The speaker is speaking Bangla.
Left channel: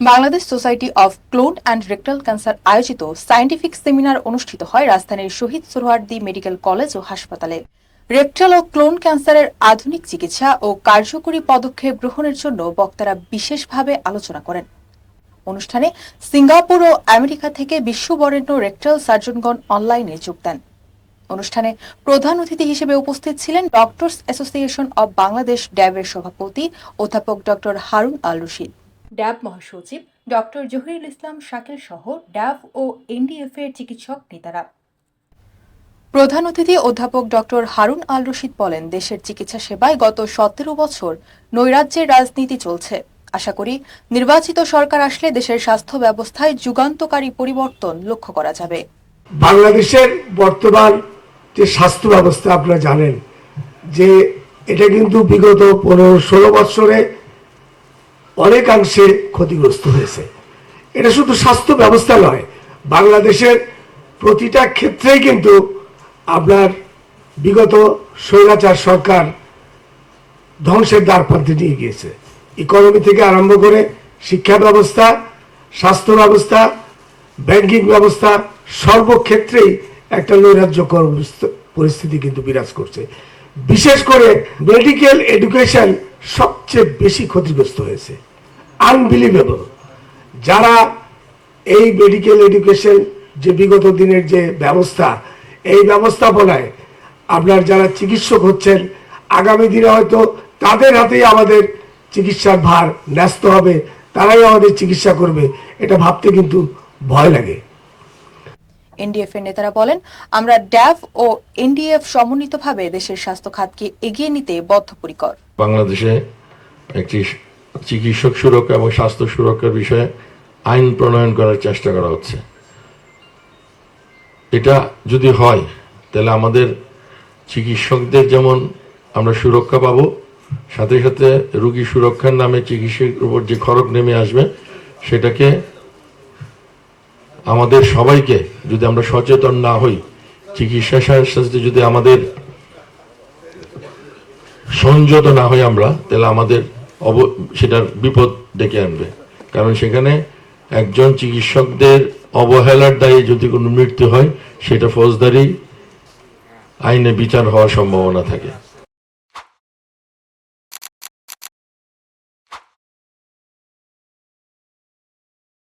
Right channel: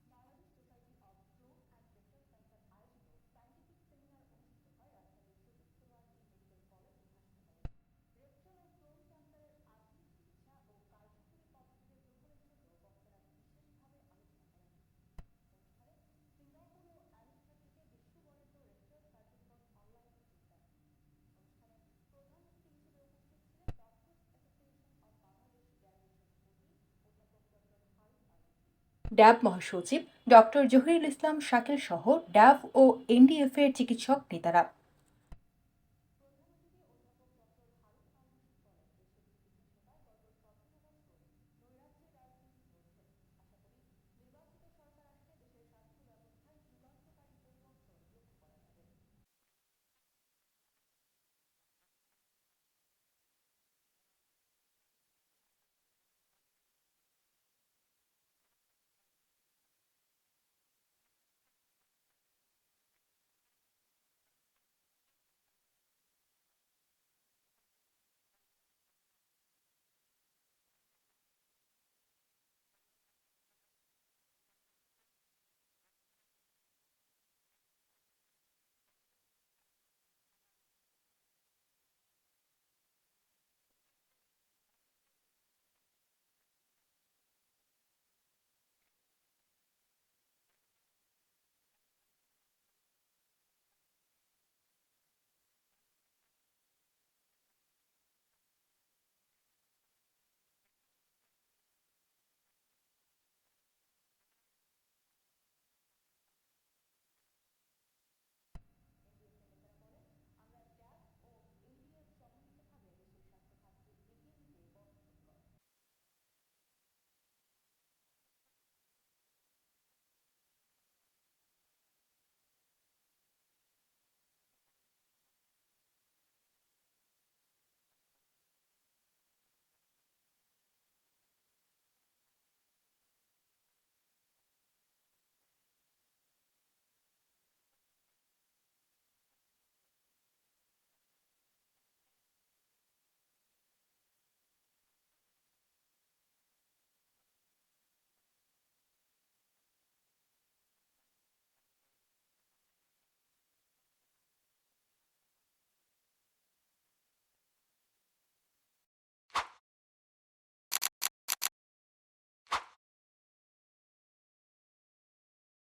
Bangladesh society of colon and rectal cancer আয়োজিত সায়েন্টিফিক সেমিনার অনুষ্ঠিত হয় রাজধানীর শহীদ সোহরার্দি মেডিকেল কলেজ ও হাসপাতালে। রেকটাল ও ক্লোন ক্যান্সারের আধুনিক চিকিৎসা ও কার্যকরী পদক্ষেপ গ্রহণের জন্য বক্তারা বিশেষভাবে আলোচনা করেন। অনুষ্ঠানে সিঙ্গাপুর ও আমেরিকা থেকে বিশ্ববরেণ্য রেকটাল সার্জনগণ অনলাইনে যোগ দেন। অনুষ্ঠানে প্রধান অতিথি হিসেবে উপস্থিত ছিলেন ডক্টরস অ্যাসোসিয়েশন অব বাংলাদেশ ড্যাবের সভাপতি অধ্যাপক ডক্টর হারুন আল রশিদ। ড্যাব মহাসচিব ডক্টর জহিরুল ইসলাম শাকিল সহ ড্যাব ও এনডিএফ এর চিকিৎসক নেতারা। প্রধান অতিথি অধ্যাপক ডক্টর হারুন আল রশিদ বলেন, দেশের চিকিৎসা সেবায় গত সতেরো বছর নৈরাজ্যের রাজনীতি চলছে। আশা করি নির্বাচিত সরকার আসলে দেশের স্বাস্থ্য ব্যবস্থায় যুগান্তকারী পরিবর্তন লক্ষ্য করা যাবে। বাংলাদেশের বর্তমান যে স্বাস্থ্য ব্যবস্থা, আপনারা জানেন যে এটা কিন্তু বিগত পনেরো ষোলো বৎসরে অনেকাংশে ক্ষতিগ্রস্ত হয়েছে। এটা শুধু স্বাস্থ্য ব্যবস্থা নয়, বাংলাদেশের প্রতিটা ক্ষেত্রেই কিন্তু আপনার বিগত স্বৈরাচার সরকার ধ্বংসের দ্বার প্রান্তে নিয়ে গিয়েছে। ইকোনমি থেকে আরম্ভ করে শিক্ষা ব্যবস্থা, স্বাস্থ্য ব্যবস্থা, ব্যাংকিং ব্যবস্থা সর্বক্ষেত্রেই একটা নৈরাজ্যকর পরিস্থিতি কিন্তু বিরাজ করছে। বিশেষ করে মেডিকেল এডুকেশন সবচেয়ে বেশি ক্ষতিগ্রস্ত হয়েছে। আনবিলিভেবল যারা এই মেডিকেল এডুকেশন যে বিগত দিনের যে ব্যবস্থা, এই ব্যবস্থাপনায় আপনার যারা চিকিৎসক হচ্ছেন, আগামী দিনে হয়তো তাদের হাতেই আমাদের চিকিৎসার ভার ন্যস্ত হবে, তারাই আমাদের চিকিৎসা করবে, এটা ভাবতে কিন্তু ভয় লাগে। এনডিএফ এর নেতারা বলেন, আমরা ড্যাফ ও এনডিএফ সমন্বিতভাবে দেশের স্বাস্থ্য খাতকে এগিয়ে নিতে বদ্ধপরিকর। বাংলাদেশে একটি চিকিৎসক সুরক্ষা এবং স্বাস্থ্য সুরক্ষার বিষয়ে আইন প্রণয়ন করার চেষ্টা করা হচ্ছে। এটা যদি হয়, তাহলে আমাদের চিকিৎসকদের যেমন আমরা সুরক্ষা পাবো, সাথে সাথে রোগী সুরক্ষার নামে চিকিৎসকের উপর যে খরচ নেমে আসবে, সেটাকে আমাদের সবাইকে যদি আমরা সচেতন না হই চিকিৎসার সাথে যদি আমাদের সংযত না হই আমরা, তাহলে আমাদের অব, সেটার বিপদ ডেকে আনবে। কারণ সেখানে একজন চিকিৎসকদের অবহেলার দায়ে যদি কোনো মৃত্যু হয়, সেটা ফৌজদারি আইনে বিচার হওয়ার সম্ভাবনা থাকে।